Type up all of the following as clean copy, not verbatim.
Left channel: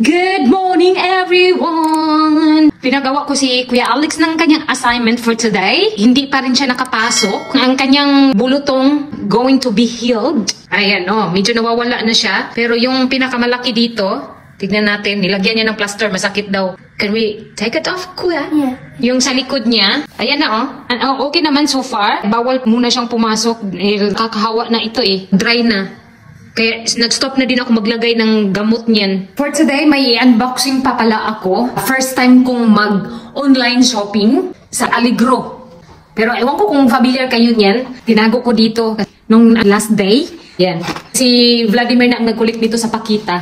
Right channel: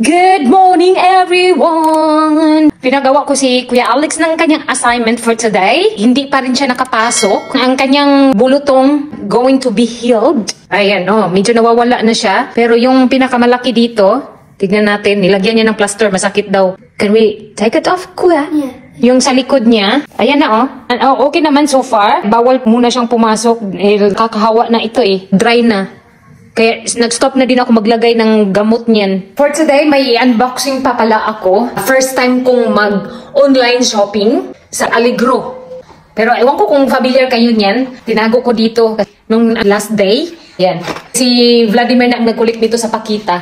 Good morning, everyone! Pinagawa ko si Kuya Alex ng kanyang assignment for today. Hindi pa rin siya nakapasok. Ang kanyang bulutong going to be healed. Ayan, medyo nawawala na siya. Pero yung pinakamalaki dito, tignan natin, nilagyan niya ng plaster, masakit daw. Can we take it off, Kuya? Yeah. Yung sa likod niya, ayan na okay naman so far. Bawal muna siyang pumasok. Kakahawa na ito dry na. Kaya nag-stop na din ako maglagay ng gamot niyan. For today, may unboxing pa pala ako. First time kong mag-online shopping sa Allegro. Pero ewan ko kung familiar kayo niyan. Tinago ko dito nung last day. Yan. Si Vladimir na nagkulit dito sa pakita.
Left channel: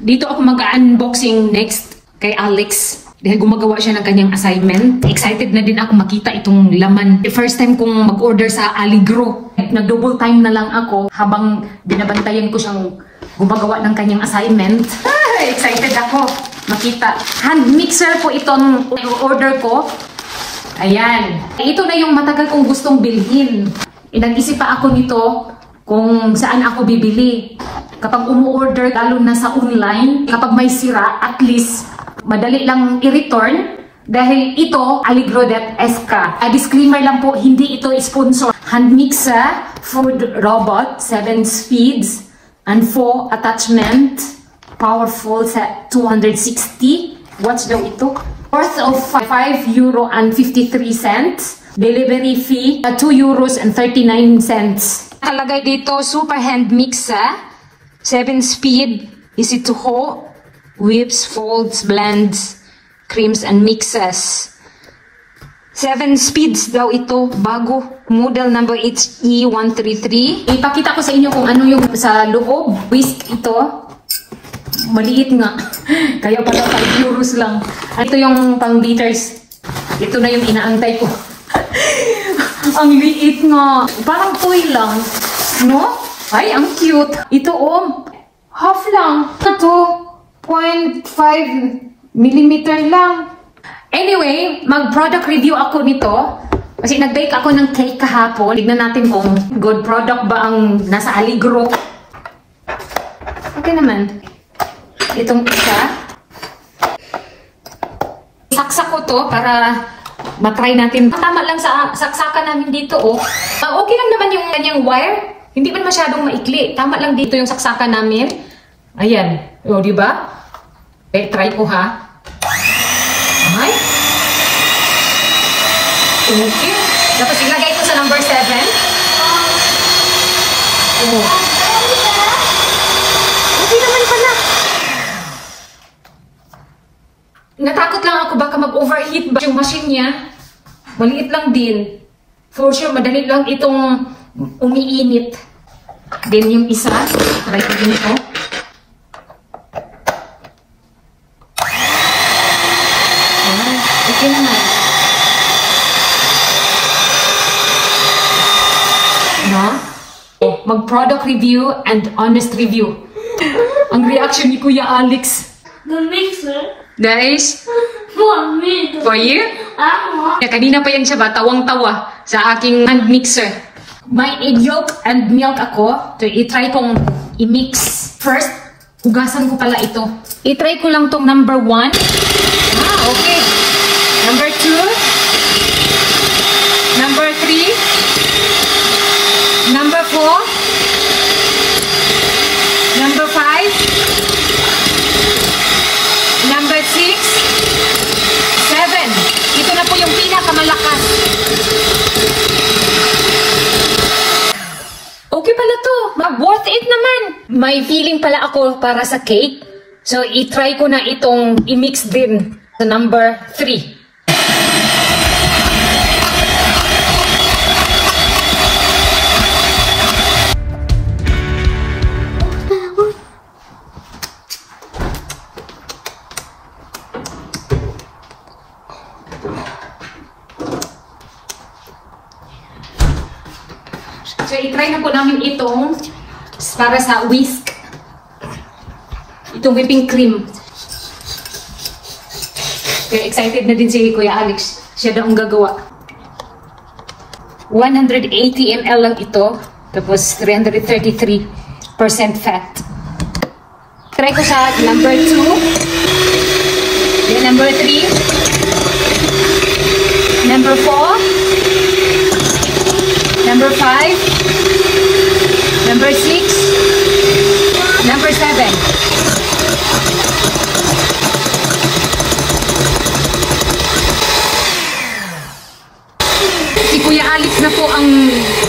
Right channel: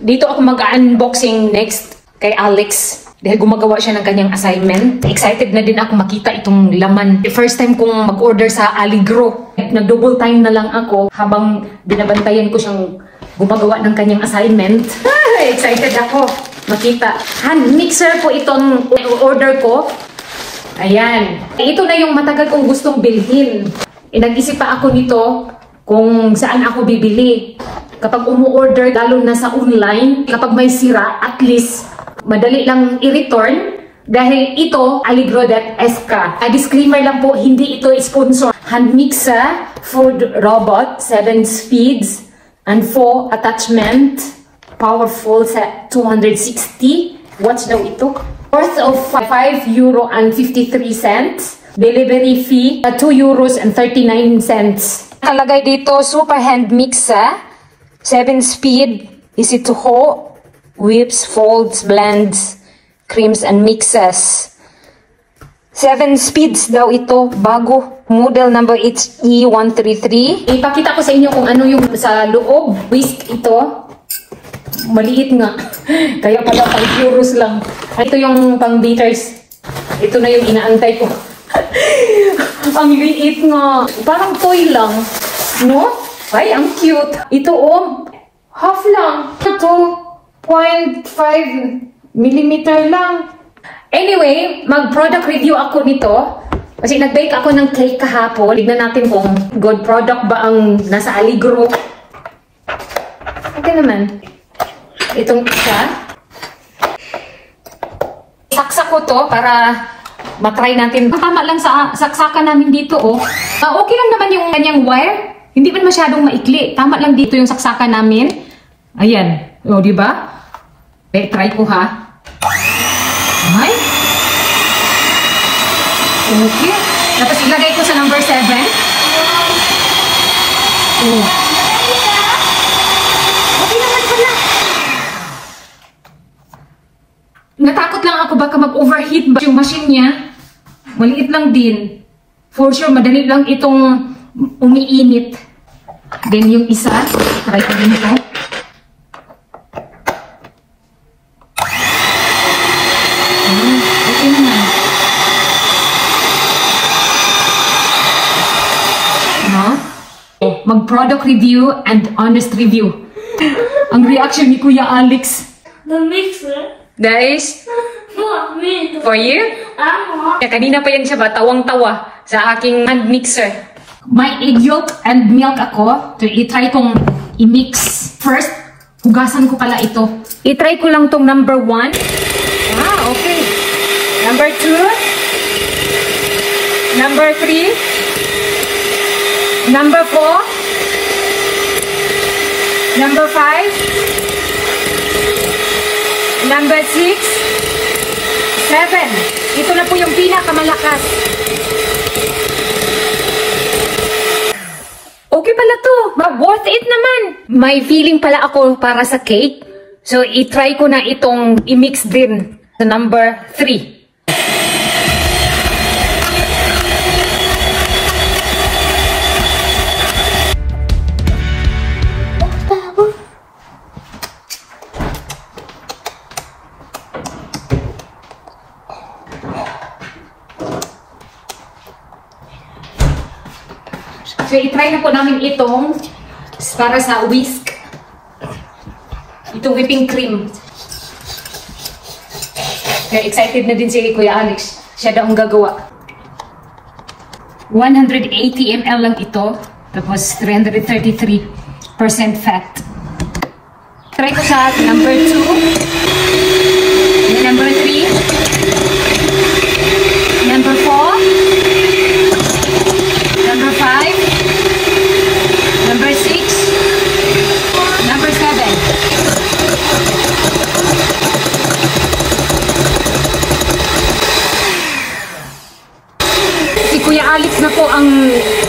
Dito ako mag-unboxing next kay Alex. Dahil gumagawa siya ng kanyang assignment. Excited na din ako makita itong laman. The first time kong mag-order sa Allegro. Nag-double time na lang ako habang binabantayan ko siyang gumagawa ng kanyang assignment. Excited ako makita. Hand mixer po itong order ko. Ayan. Ito na yung matagal kong gustong bilhin. Nag-isip pa ako nito kung saan ako bibili. Kapag umu-order, lalo na sa online, kapag may sira, at least madali lang i-return. Dahil ito, Allegro.sk. Disclaimer lang po, hindi ito sponsor. Hand mixer, food robot, 7 speeds, and 4 attachment. Powerful sa 260 watts daw ito. Worth of €5.53. Delivery fee, €2.39. Nakalagay dito, super hand mixer. 7 speed, easy to hold, whips, folds, blends, creams, and mixes. 7 speeds daw ito, bago. Model number HE133. Ipakita ko sa inyo kung ano yung sa loob. Whisk ito. Maliit nga. Kaya pala €5 lang. Ito yung pang beaters. Ito na yung inaantay ko. Ang liit nga. Parang toy lang. No? Ay, ang cute. Ito half lang. Ito, 0.5 millimeter lang. Anyway, mag-product review ako nito. Kasi nag-bake ako ng cake kahapon. Tignan natin kung good product ba ang nasa Allegro. Okay naman. Itong isa. Saksak ko to para matry natin. Tama lang sa saksakan namin dito, okay lang naman yung kanyang wire. Hindi man masyadong maikli. Tama lang dito yung saksakan namin. Ayan. Di ba? Okay, try ko ha. Okay. Okay. Tapos ilagay ko sa number 7. Okay naman pala. Natakot lang ako baka mag-overheat ba yung machine niya. Maliit lang din. For sure, madali lang itong umiinit. Then yung isa, try ko din ito. Okay naman. Mag-product review and honest review. Ang reaction ni Kuya Alex. The mixer. Guys, For me. for you? Kanina pa yan siya ba? Tawang-tawa sa aking hand mixer. May egg yolk and milk ako. So, i-try kong i-mix. First, hugasan ko pala ito. I-try ko lang tong number 1. Okay. Number 2. Number 3. Number 4. Number 5. Number 6. 7. Ito na po yung pinakamalakas. Okay pala to. Worth it naman. May feeling pala ako para sa cake. So, i-try ko na itong i-mix din sa number 3. So, i-try na po namin itong para sa whisk. Itong whipping cream. Kaya excited na din si Kuya Alex. Siya daw ang gagawa. 180 ml lang ito. Tapos 333% fat. Try ko sa number 2.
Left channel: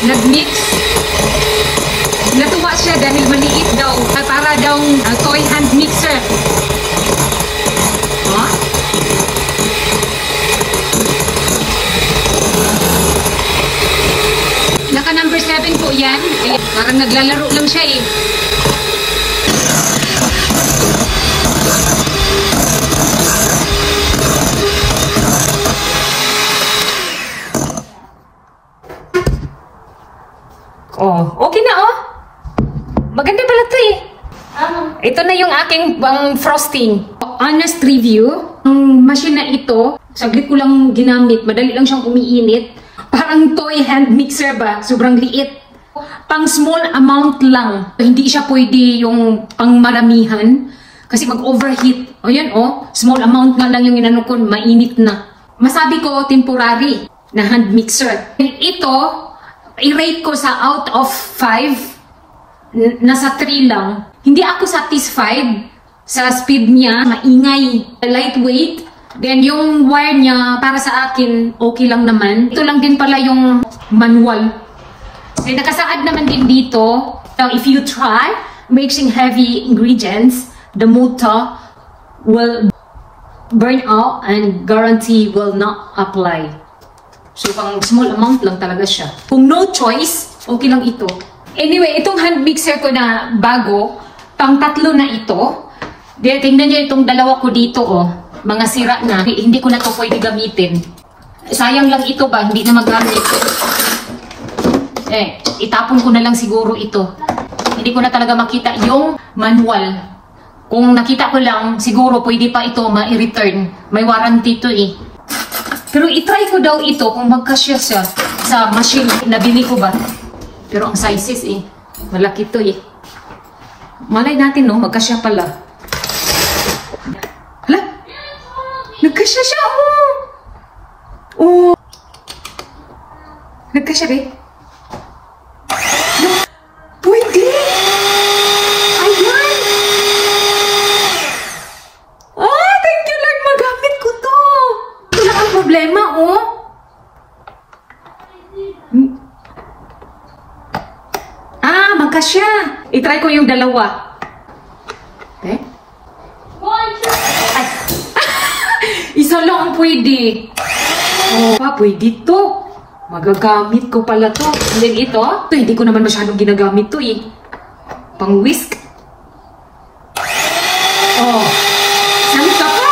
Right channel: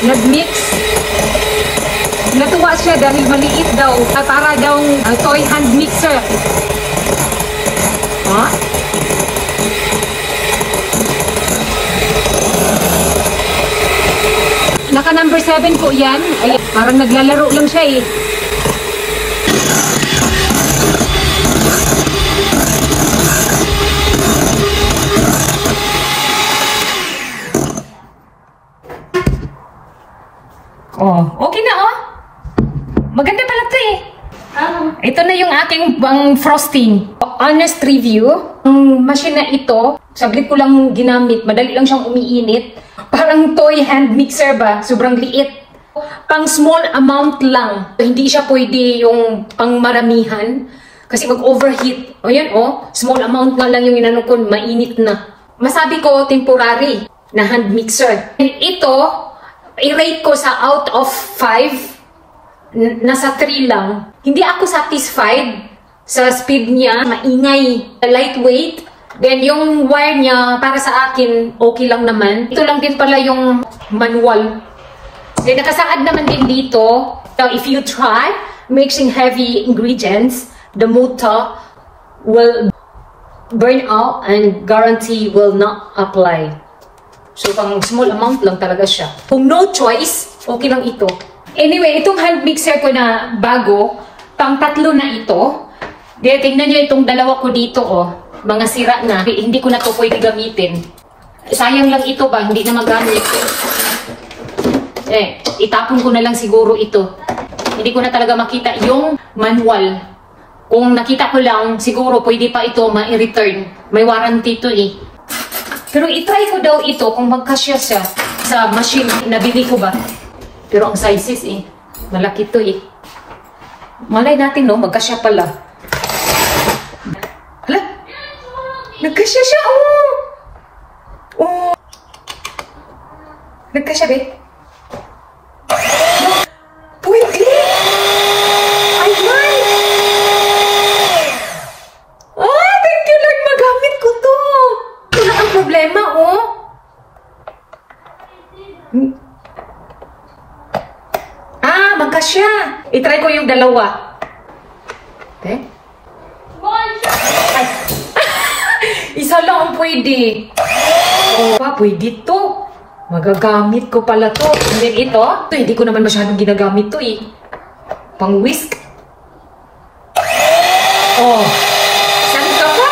nag-mix. Natuwa siya dahil maliit daw. Para daw toy hand mixer. Ha? Naka number 7 po yan. Ay, parang naglalaro lang siya eh. Oh, okay na oh. Maganda pala to eh. Ito na yung aking frosting. Honest review, ang machine na ito, saglit ko lang ginamit, madali lang siyang umiinit. Parang toy hand mixer ba? Sobrang liit. Pang small amount lang. Hindi siya pwede yung pang maramihan kasi mag-overheat. O yan oh, small amount nga lang yung inano ko, mainit na. Masabi ko temporary na hand mixer. Ito, i-rate ko sa out of 5, nasa 3 lang. Hindi ako satisfied sa speed niya, maingay, lightweight. Then yung wire niya, para sa akin, okay lang naman. Ito lang din pala yung manual. Then nakasaad naman din dito, so if you try mixing heavy ingredients, the motor will burn out and guarantee will not apply. So, pang small amount lang talaga siya. Kung no choice, okay lang ito. Anyway, itong hand mixer ko na bago, pang 3 na ito. Tingnan niyo itong dalawa ko dito, oh. Mga sira na. Hindi ko na to pwede gamitin. Sayang lang ito ba? Hindi na magamit. Itapon ko na lang siguro ito. Hindi ko na talaga makita yung manual. Kung nakita ko lang, siguro pwede pa ito ma-return. May warranty to eh. Pero itry ko daw ito kung magkasya siya sa machine. Nabili ko ba? Pero ang sizes eh, malaki to eh. Malay natin no, magkasya pala. Hala? Nagkasya siya oh! Oh! Nagkasya ba? No! Pwede! Ayan! Ah! Thank you Lord! Magamit ko to! Wala kang problema, oh. Magkasya. I-try ko yung dalawa. Okay? Ay. Isa lang ang pwede. Oh, pwede to. Magagamit ko pala to. And then ito, hindi ko naman masyadong ginagamit to eh. Pang whisk. Oh. Salita pa.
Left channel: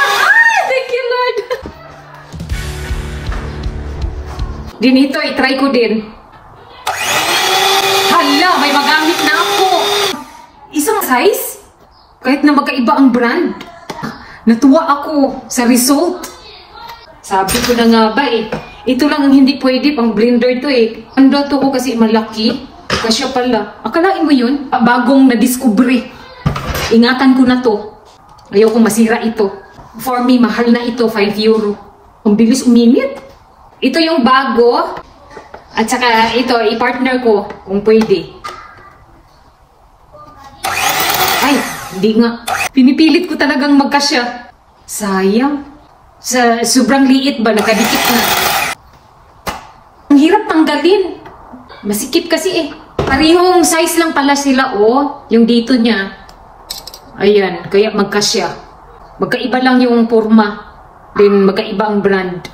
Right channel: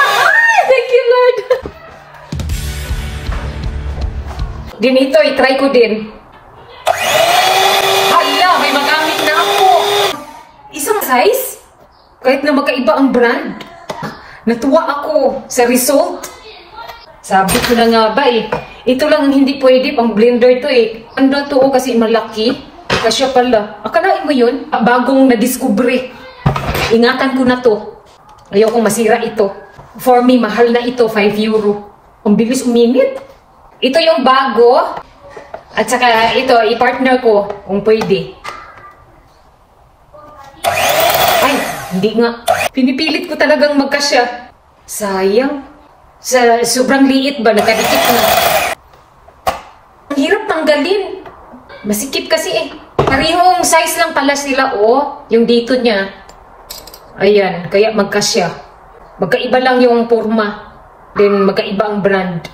Thank you Lord. Din ito, i-try ko din. Hala, may magamit na ako. Isang size? Kahit na magkaiba ang brand. Natuwa ako sa result. Sabi ko na nga ba eh. Ito lang ang hindi pwede, pang blender to eh. Ando to kasi malaki. Kasya pala. Akalain mo yun? Bagong na-discovery. Ingatan ko na to. Ayaw kong masira ito. For me, mahal na ito, 5 euro. Ang bilis uminit. Ito yung bago. At saka ito, i-partner ko kung pwede. Ay, hindi nga. Pinipilit ko talagang magkasya. Sayang. Sa sobrang liit ba, nakadikit na. Ang hirap tanggalin. Masikip kasi eh. Parehong size lang pala sila, oh. Yung dito niya. Ayan, kaya magkasya. Magkaiba lang yung forma. Then magkaiba ang brand.